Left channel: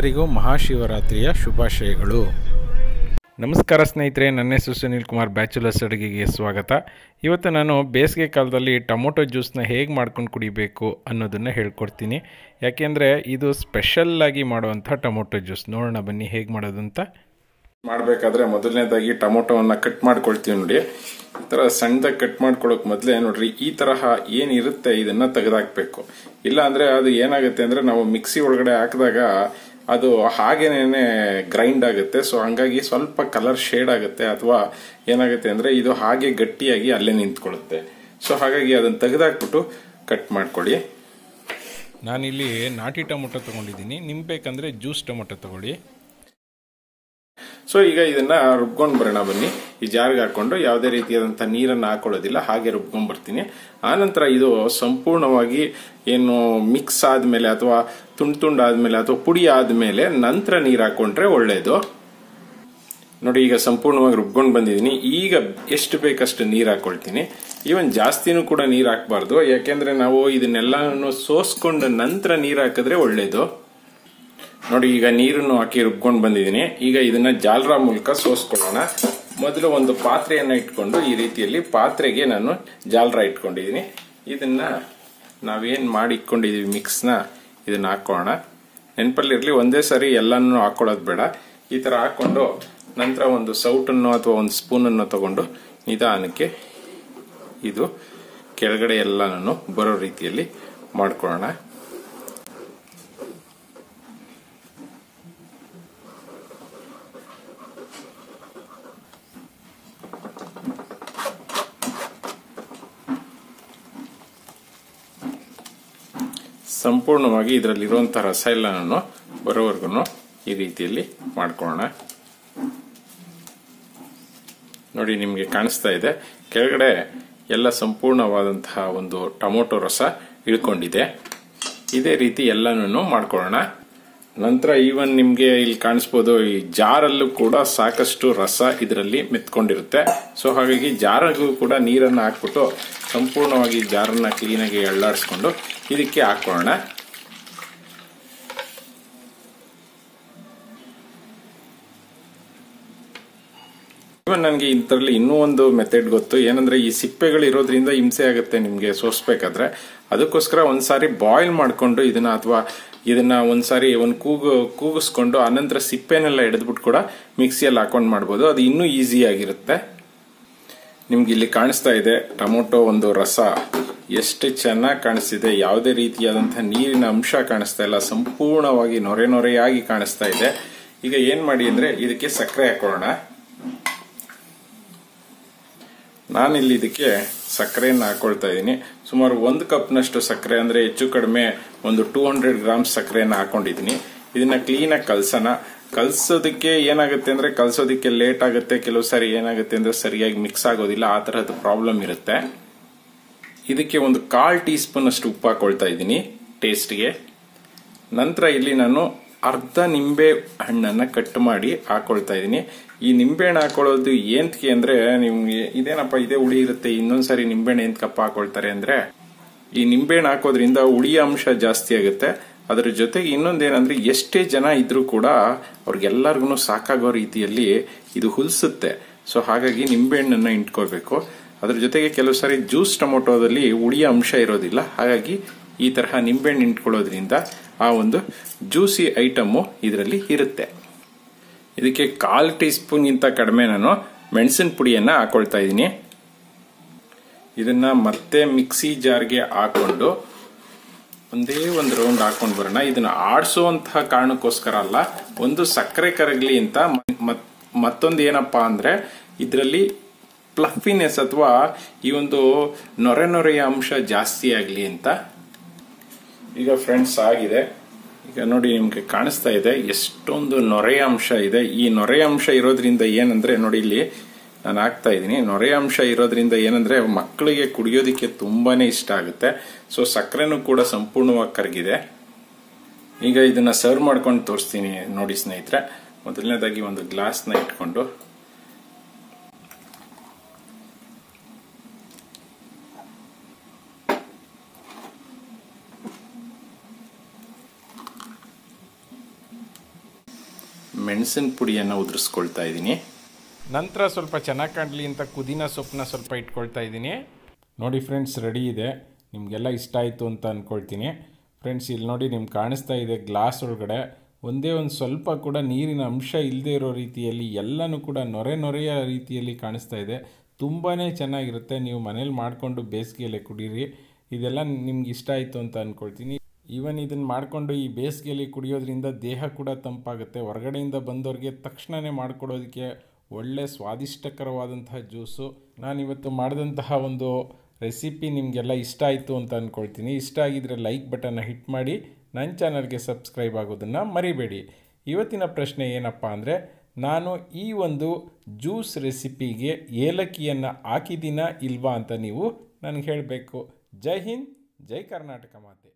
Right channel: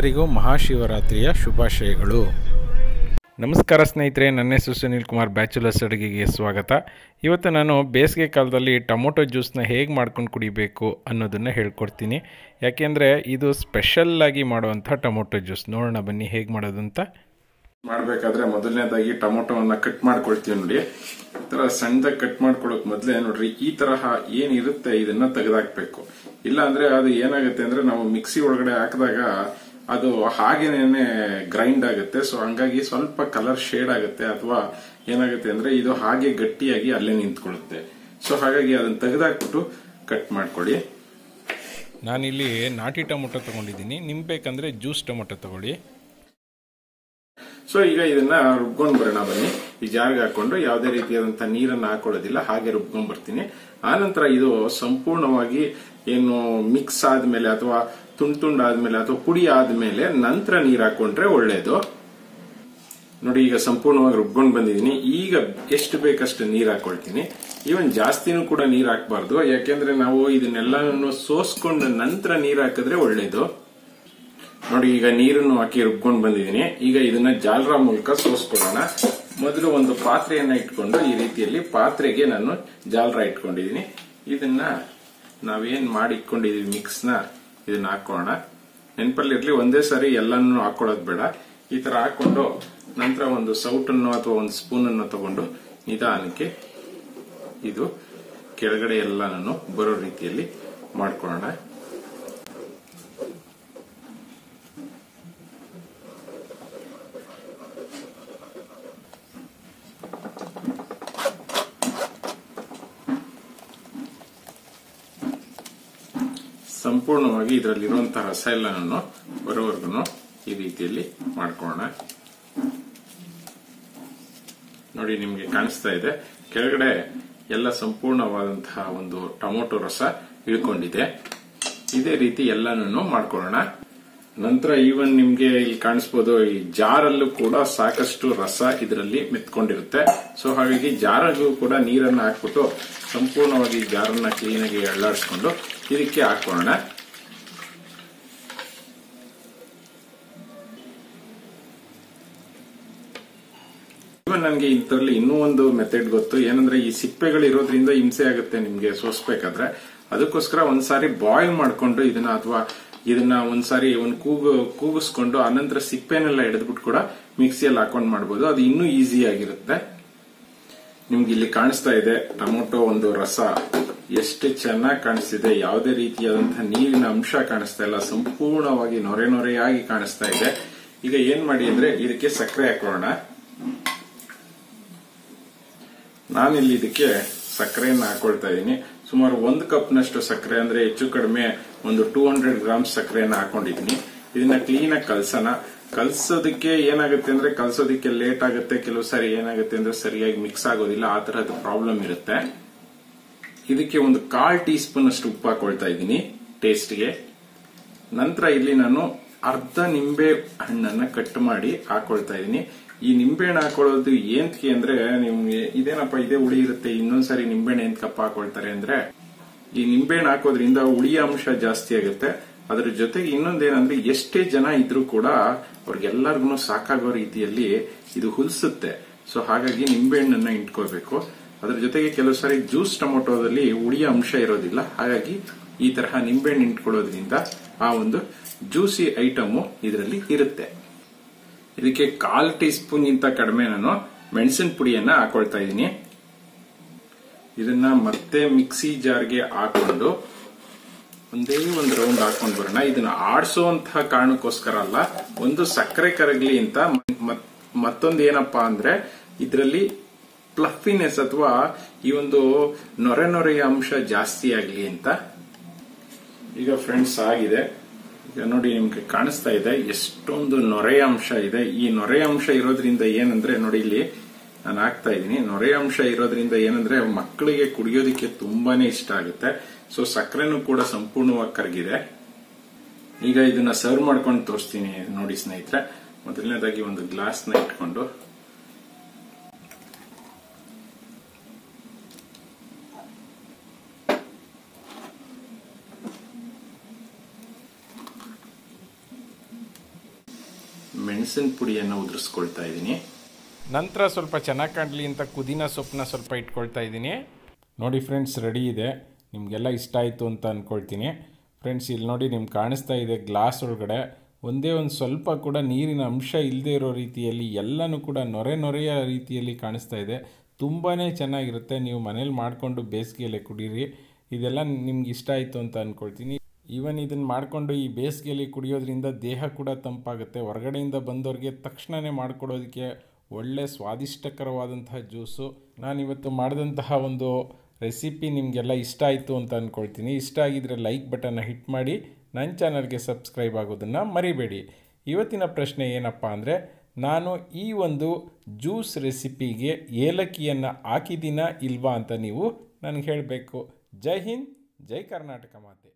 ಎಲ್ಲರಿಗೂ ಮಹಾಶಿವರಾತ್ರಿಯ ಶುಭಾಶಯಗಳು. ನಮಸ್ಕಾರ ಸ್ನೇಹಿತರೆ, ನನ್ನ ಹೆಸರು ಸುನೀಲ್ ಕುಮಾರ್, ಬ್ಯಾಚುಲರ್ಸ್ ಅಡುಗೆಗೆ ಸ್ವಾಗತ. ಇವತ್ತು ನಾನು ಬೇಸಿಗೆ ಕಾಲದಲ್ಲಿ ಟೊಮೊಟೊ ಜ್ಯೂಸ್ನ ಹೇಗೆ ಮಾಡ್ಕೊಂಡು ಕುಡಿಬೇಕು ಅನ್ನೋದನ್ನು ಹೇಳ್ಕೊಡ್ತೀನಿ. ಯಾಕೆಂದರೆ ಇದು ಸ್ಪೆಷಲ್ಲಾಗಿ ಮಾಡುವಂಥ ಟೊಮೊಟೊ ಜ್ಯೂಸ್. ನೋಡೋಣ ಬನ್ನಿ ಹೇಗೆ ಮಾಡೋದು ಅಂತ. ಮಾಡಬೇಕಾದ್ರೆ ಮೊದಲನೇದಾಗಿ ಟೊಮೊಟೊವನ್ನು ಕಟ್ ಮಾಡ್ಕೊಳ್ತೀವಿ ನೋಡಿ. ಈ ಥರ ಸಣ್ಣದಾಗಿ ಕಟ್ ಮಾಡ್ಕೊಳ್ಳೋಕೆ ಮೊದಲೇ ನೋಡ್ರಿ, ಈ ತರಹ ಏನಿರುತ್ತೆ ಇದನ್ನ ತೆಗೆದಾಕ್ಬೇಕು. ಇಲ್ಲಾಂದರೆ ಅದು ಏನಾಗುತ್ತೆ ಅಂದ್ರೆ ನಾವು ಮಿಕ್ಸಿ ಒಳಗಡೆ ಹಾಕಿದಾಗ ಅದು ಹಾಗೇನೆ ಗ್ರೈಂಡ್ ಆಗುತ್ತೆ. ಸೊ ಹಂಗಾಗಿ ಸ್ವಲ್ಪ ಕಲರ್ ಶೇಡ್ ಆಗುತ್ತೆ ಅಥವಾ ಏನಾಗುತ್ತೆ ಅಂದ್ರೆ ಇದು ಹಾಗೆ ಗಟ್ಟಿಯಾಗಿ ಅಲ್ಲೇ ನಿಂತ್ಕೊಳ್ಳುತ್ತೆ. ಸೊ ಹಾಗಾಗಿ ಅದನ್ನ ತೆಗೆದಾಕ್ಬಿಟ್ಟು ಕಟ್ ಮಾಡ್ಕೊಳ್ಳಿ. ನಾನಿಲ್ಲಿ ನಾಟಿ ಟೊಮೊಟೊ ತಗೊಂಡಿದ್ದೀನಿ. ನಿಮ್ಗೆ ಬೇಕಂದ್ರೆ ಜ್ಯೂಸ್ ಟೊಮೊಟೊ ತಗೊಳ್ಳಿ. ಸೊ ಈಗ ಇದನ್ನ ರುಬ್ಕೊಂಡು ಬರೋಣ ಬನ್ನಿ. ಈ ಜಾರಿಗೆ ಹಾಕೊಂಡು ಯಾವುದೇ ರೀತಿಯಾದಂತಹ ನೀರನ್ನ ಹಾಕೊಳ್ಳೋದಿಲ್ಲ, ಹಾಗೆ ರುಬ್ಕೊಂಡ್ ಬರ್ತೀನಿ ಆನಂತರ ಇದು ಸಂಪೂರ್ಣವಾಗಿ ಏನು ಮಿಕ್ಸ್ ಆದ್ಮೇಲೆ ಅಥವಾ ತುಂಡ್ ತುಂಡ್ ಆದ್ಮೇಲೆ ಅಥವಾ ಪುಡಿ ಆದ್ಮೇಲೆ ನಂತರ ನೀರ್ ಹಾಕೊಂಡ್ರೆ ಒಳ್ಳೇದು. ನೋಡಿ, ಈಗ ಸಂಪೂರ್ಣವಾಗಿ ರುಬ್ಕೊಂಡ್ ಬಂದಿದ್ದೀನಿ. ಈಗ ಎಷ್ಟು ಬೇಕಷ್ಟು ನೀರ್ ಹಾಕೊಳ್ತೀನಿ. ಈವನ್ ಜಾಸ್ತಿನೂ ಕೂಡ ನೀರ್ ಹಾಕಬಾರ್ದು. ಯಾಕೆಂದ್ರೆ ನಾವು ಇದನ್ನೆಲ್ಲನೂ ಸೋಸ್ಕೊಂಡ ನಂತರ ನೀರ್ ಹಾಕಿದ್ರೆ ಒಳ್ಳೇದು. ನೋಡಿ, ಈಗ ನೀರನ್ನು ಹಾಕಿ ರುಬ್ಕೊಂಡು ಬಂದಿದ್ದೀನಿ. ಈಗ ಇದನ್ನ ಜಾಲರ ಮೂಲಕ ಸೋಸ್ಕೊಳ್ಳೋಣ. ಮೊದಲು ಒಂದು ಪಾತ್ರೆಯನ್ನ ಇಟ್ಕೊಂಡು ಈ ರೀತಿಯಲ್ಲಿ ಪಾತ್ರೆಗೆ ನಾನು ಜಾಲರ ಇಟ್ಕೊಂಡಿದ್ದೀನಿ. ಇದನ್ನ ನಾವೇನ್ ಮಾಡಿ ಇಟ್ಕೊಂಡಿದೀವಿ ಮಿಕ್ಸ್ನ ಇದನ್ನ ಹಾಕೋಣ. ನೆನಪಲ್ಲಿರ್ಲಿ ಒಂದೇ ಸಾರಿ ಎಲ್ಲಾನು ಹಾಕೊಳ್ಳೋದು ಬೇಡ. ಈ ತರ ಹಾಕೊಂಡು ನಂತರ ಒಂದು ಸೌಟನ್ನು ಅಥವಾ ಒಂದು ಸ್ಪೂನ್ ಅನ್ನು ತಗೊಂಡು ನಿಧಾನಕ್ಕೆ ಇದು ಕೆಳಗಡೆ ಎಲ್ಲಾನು ಬರೋ ರೀತಿಯಲ್ಲಿ ಮಾಡ್ಕೊಳ್ಳೋಣ. ಸಂಪೂರ್ಣವಾಗಿ ಇದರಲ್ಲಿ ಇರುವಂತಹ ರಸ ಎಲ್ಲನೂ ಬರೋವರೆಗೂ ಈ ರೀತಿಯಲ್ಲಿ ಮಾಡ್ಕೊಳ್ಳೋಣ. ನೋಡಿ, ನಿಮಗೆ ಕಾಣಿಸ್ತಾ ಇದೆ. ಕೆಳಗಡೆ ಎಲ್ಲ ಸಂಪೂರ್ಣವಾದಂತಹ ಒಂದು ಟೊಮೊಟೊ ರಸ ಇಳ್ಕೊಂಡಿದೆ. ಇದೇ ರೀತಿ ಎಲ್ಲನೂ ಮಾಡ್ಕೊಳ್ಳೋಣ. ನಂತರ ಈವನ್ ನಿಮ್ಗೆ ಇಲ್ಲಿ ಕಾಣಿಸ್ಬೋದು, ಈ ಜಾರಲ್ಲೂ ಕೂಡ ಸಾಕಷ್ಟು ರಸ ಇದರಲ್ಲಿ ಮೆತ್ಕೊಂಡಿರುತ್ತೆ. ಸೊ ಹಾಗಾಗಿ ಜಾರಲ್ಲೂ ಕೂಡ ನೀರನ್ನ ಹಾಕ್ಬಿಟ್ಟು ಸಂಪೂರ್ಣವಾಗಿ ಜಾರನ್ನ ಕ್ಲೀನಾಗಿ ಎಳ್ಳಾಡಿಸ್ಕೊಂಡು ಇದಕ್ಕೆ ಹಾಕೊಳ್ಳೋಣ. ನನಗೆ ಇಂಥರಲ್ಲಿ ಇನ್ನೂ ಒಂದು ಮೆಥಡ್ ಗೊತ್ತು. ಏನಂದ್ರೆ ಈ ಸಿಪ್ಪೆಗಳು ಇರೋದ್ರಿಂದ ಹಿಂಸೆ ಆಗುತ್ತೆ ನಿಮ್ಗೆ ಸೋಸ್ಬೇಕಾದ್ರೆ. ಅದಕ್ಕೋಸ್ಕರ ಒಂದ್ಸಾರಿ ಬಾಯ್ಲ್ ಮಾಡ್ಕೊಂಡು ಇದನ್ನ ಅಥವಾ ಇದನ್ನ ಒಂದ್ಸಾರಿ ಒಂದು ಕೂಗು, ಕೂಗಿಸ್ಕೊಂಡು ಆನಂತರ ಸಿಪ್ಪೆನೆಲ್ಲ ಹಿಡಿದ್ಬಿಟ್ಟು ಕೂಡ ಮಿಕ್ಸಿಯಲ್ಲಿ ಹಾಕೊಂಡು ಮಾಡ್ಬೋದು. ಅದು ಇನ್ನೂ ಈಸಿ ಆಗಿರುತ್ತೆ. ನಿಮ್ಗೆ ಇಲ್ಲಿ ಕಾಣಿಸ್ತಾ ಇದೆ, ಟೊಮೊಟೊ ಒಂದು ರಸ. ಎಷ್ಟು ಚೆನ್ನಾಗಿ ಕಾಣಿಸ್ತಿದೆ, ಯಾವುದೇ ರೀತಿಯಾದಂತಹ ನೀರಿನ ಅಂಶ ಕಾಣಿಸ್ತಾ ಇಲ್ಲ, ಸಂಪೂರ್ಣವಾಗಿ ನೊರೆ ನೊರೆಯಾಗಿ ಕಾಣಿಸ್ತಾ ಇದೆ. ಈಗ ಏನ್ ಮಾಡಿ ಅಂದ್ರೆ ಇದಕ್ಕೆ ಸಕ್ಕರೆ ಹಾಕೊಳ್ಳೋಣ. ನಾನಿಲ್ಲಿ ಇದಕ್ಕೆ ಸಕ್ಕರೆಯನ್ನು ಹಾಕೊಳ್ತಾ ಇದ್ದೀನಿ ಸುಮಾರು ಒಂದು ಕಪ್ನಷ್ಟು ಸಕ್ಕರೆ, ಅಂದರೆ ಹೆಚ್ಚು ಕಡಿಮೆ ಒಂದು ಟೂ ಹಂಡ್ರೆಡ್ ಗ್ರಾಮ್ಸ್ ಸಕ್ಕರೆಯನ್ನು ಹಾಕೊಂಡಿದ್ದೀನಿ ಇದನ್ನ ಕ್ಲೀನಾಗಿ ಕಲಸೋಣ. ಕಲ್ಸೋದಕ್ಕೆ ಏನಾಗುತ್ತೆ ಅಂದರೆ, ಕಲ್ಸೋದಕ್ಕೆ ಲೇಟ್ ಆಗುತ್ತೆ, ಕೆಲವು ಸಾರಿ ಏನಾಗುತ್ತೆ ಅಂದರೆ ಸರಿಯಾಗಿ ಮಿಕ್ಸ್ ಆಗೋದಿಲ್ಲ, ಆ ಥರದ್ದು ಪ್ರಾಬ್ಲಮ್ ಇರುತ್ತೆ. ಇದಕ್ಕೆ ಒಂದು ಕಾಲ್ ಟೀ ಸ್ಪೂನ್ ಅಷ್ಟು ಉಪ್ಪು ಹಾಕೊಳ್ತಾ ಇದ್ದೀನಿ ಟೇಸ್ಟ್ಗೆ ನಂತರ ಇಲ್ಲಿ ನಾನು ಅರ್ಧ ನಿಂಬೆ ಹಣ್ಣನ್ನ ಕಟ್ ಮಾಡಿ ಹಾಕೊಳ್ತಾ ಇದ್ದೀನಿ. ಈ ನಿಂಬೆಹಣ್ಣು ಹಾಕೊಳ್ಳೋದು ಏಂತಕ್ಕೆ ಅಂದ್ರೆ ನಿಮ್ಗೆ ಇದೇನಪ್ಪ, ಇದೇ ಹುಳಿ ಇರುತ್ತೆ, ಇನ್ನೊಂದ್ಸರಿ ನಿಂಬೆಹಣ್ಣು ಎಂತಕಪ್ಪ ಹಾಕೊಳ್ತಾರೆ ಅಂದ್ರೆ ಈ ನಿಂಬೆಹಣ್ಣು ಹಾಕೋದ್ರಿಂದ ಹುಳಿಯ ಅಂಶ ಜಾಸ್ತಿ ಆಗುತ್ತೆ. ಅದರ ಜೊತೆಗೆ ಇನ್ನೊಂದೇನಂದ್ರೆ ಎಷ್ಟೇ ಜನ ಇದ್ರೂ ಕೂಡ ಅವ್ರಿಗೆಲ್ಲರಿಗೂ ಸಾಕಾಗೋ ರೀತಿಯಲ್ಲಿ ಇದು ಹುಲ್ಸುತ್ತೆ. ಸೊ ಹಾಗಾಗಿ ನಿಂಬೆಹಣ್ಣನ್ನ ಇಟ್ಕೋಬೇಕು ಅದ್ರ ಜೊತೆಗೆ ಕೆಲವು ಸಾರಿ ಜ್ಯೂಸ್ ಟೊಮೊಟೊದಲ್ಲಿ ಹುಳಿಯ ಅಂಶ ಇರೋದಿಲ್ಲ. ಹಾಗಾಗಿ ಈ ತರಹ ನಿಂಬೆಹಣ್ಣು ಇಟ್ಕೊಳ್ಳೋದ್ರಿಂದ ಆ ಒಂದು ಜ್ಯೂಸಿ ಐಟಮ್ ಇದರಲ್ಲಿ ಇರುತ್ತೆ. ಇದಕ್ಕೆ ಕಾಲ್ ಟೀ ಸ್ಪೂನ್ ಗಿಂತ ಕಡಿಮೆ ನಾನು ಮೆಣಸಿನ ಪುಡಿಯನ್ನ ಹಾಕೊಳ್ತಾ ಇದ್ದೀನಿ. ಇದನ್ನ ಮತ್ತೆ ಮಿಕ್ಸಿ ಜಾರ್ಗೆ ಹಾಕೊಂಡು ಒಂದೇ ಒಂದು ರೌಂಡ್ ಹಾಕೊಂಡು ಬರೋಣ. ಇದನ್ನ ಆಡಿಸುವಂತಹ ಕಾರಣಕ್ಕೋಸ್ಕರ ಅಲ್ಲ, ಒಂದು ಸಕ್ಕರೆ ಕರಗಲಿ ಅಂತ ಮತ್ತೊಂದು ಏನಪ್ಪಾ ಅಂದ್ರೆ ಇದರಲ್ಲಿ ಪ್ಲಫಿನೆಸ್ ಅಥವಾ ಈ ಒಂದು ನೊರೆ ನೊರೆಯ ಅಂಶ ಜಾಸ್ತಿ ಆಗ್ಲಿ ಅಂತ ಈಗ ಫ್ರೆಂಡ್ಸ್ ಆಗಿದೆ. ಈಗ ನೋಡಿ ನಿಮ್ಗೆ ಕಾಣಿಸ್ತಾ ಇದೆ, ಎಷ್ಟೊಂದು ನೊರೆಯ ಅಂಶ ಇದೆ. ಈ ನೊರೆಯ ಅಂಶ ಇರೋದ್ರಿಂದ ಏನಂದ್ರೆ ನೋಡಿ ಇಲ್ಲಿ ನಾನು ಹಾಕ್ತಾ ಇದ್ದೀನಿ. ನೊರೆಯ ಅಂಶ ಇರೋದ್ರಿಂದ ಏನಂದ್ರೆ ಮಕ್ಕಳಿಗೆ ಕುಡಿಯೋದಿಕ್ಕೆ ತುಂಬಾನೇ ಇಷ್ಟ ಆಗುತ್ತೆ. ಸೊ ಸಕ್ಕರೆನೂ ಕೂಡ ಸಂಪೂರ್ಣವಾಗಿ ಕರಗಿದೆ. ಈಗ ಇದನ್ನ ಸರ್ವ್ ಮಾಡ್ಕೊಂಡು ತೋರಿಸ್ತೀನಿ ನೋಡಿ ಸ್ನೇಹಿತರೆ. ಮೊದಲನೇದಾಗಿ ಒಂದು ಗ್ಲಾಸ್ನ ಇಟ್ಕೊಂಡು ಮೆಣಸಿನ ಪುಡಿಯನ್ನು ಉದುರಿಸ್ಕೊಳ್ತಾ ಇದ್ದೀನಿ. ನಂತರ ಸ್ವಲ್ಪ ಚೆನ್ನಾಗಿ ಕಾಣಲಿ ಅಂತ ಕುದಿನ ಸೊಪ್ಪನ್ನ ಸ್ವಲ್ಪ ಇಟ್ಕೊಳ್ತಾ ಇದ್ದೀನಿ. ನೋಡಿ ಫ್ರೆಂಡ್ಸ್, ರೆಡಿ ಇದೆ. ನಿಮಗೆಲ್ಲ ಇಷ್ಟ ಆಯಿತು ಅಂತ ಅಂದ್ಕೊಳ್ತೀನಿ ಫ್ರೆಂಡ್ಸ್, ಇಲ್ಲಿ ನೋಡಿ ನಿಮ್ಗೆ ಕಾಣಿಸ್ತಾ ಇದೆ ಗ್ಲಾಸ್ ಒಳಗಡೆ. ಒಂದೇ ಒಂದು ಸ್ವಲ್ಪ ಕೂಡ ನೀರಿನ ಅಂಶ ಇಲ್ಲದೆ ಇರೋ ರೀತಿಯಲ್ಲಿ, ಎಲ್ಲನೂ ಕೂಡ ನೊರೆ ನೊರೆಯ ರೀತಿಯಲ್ಲಿ ಕಾಣಿಸ್ತಾ ಇದೆ. ತುಂಬಾ ಚೆನ್ನಾಗಿರುತ್ತೆ. ನೀವು ಮನೇಲಿ ಮಾಡಿಕೊಂಡು ಬೇಸಿಗೆಯಲ್ಲೇ ಕುಡೀರಿ. ಇದೆಲ್ಲ ನಿಮ್ಗೆ ಇಷ್ಟ ಆಯಿತು ಅಂತ ಅಂದ್ಕೊಳ್ತೀನಿ ಈವನ್ ಇದನ್ನು ಮಾಡಿಕೊಂಡು ಈ ಬೇಸಿಗೆಯಲ್ಲಿ ಕುಡಿಯೋದ್ರಿಂದ ದೇಹ ಕೂಡ ತಂಪಾಗುತ್ತೆ. ಹೊರಗಡೆಯಿಂದ ಬಂದವ್ರಿಗೆ ತಕ್ಷಣವೇ ಮಾಡಿಕೊಡೋದಕ್ಕೆ ಒಳ್ಳೆ ಸ್ವಾದಿಷ್ಟಕರವಾದಂತಹ ಜ್ಯೂಸು. ನಾನಿವತ್ತು ಮಾಡಿದಂತಹ ಒಂದು ರೆಸಿಪಿ ನಿಮಗೆಲ್ಲ ಇಷ್ಟ ಆಯಿತು ಅಂತ ಅಂದ್ಕೊಳ್ತೀನಿ ಇಷ್ಟ ಆಗಿದ್ರೆ ಲೈಕ್ ಬಟನ್ನ ಹಿಟ್ ಮಾಡಿ ನನ್ನ ಚಾನಲ್ಗೆ ಸಬ್ಸ್ಕ್ರೈಬ್ ಆಗೋದನ್ನು ಮರಿಬೇಡಿ. ಇವತ್ತಿನ ಪ್ರಶ್ನೆ ಏನಪ್ಪ ಅಂದರೆ, ನಾನು ಈ ಒಂದು ಜ್ಯೂಸ್ ರೆಸಿಪಿಗೆ ಏಲಕ್ಕಿಯನ್ನು ಹಾಕಿದ್ದೀನಾ ಇಲ್ವಾ ಅಂತ ನೀವು ನನಗೆ ಹೇಳಬೇಕು. ಜೈ ಹಿಂದ್, ಜೈ ಕರ್ನಾಟಕ ಮಾತೆ.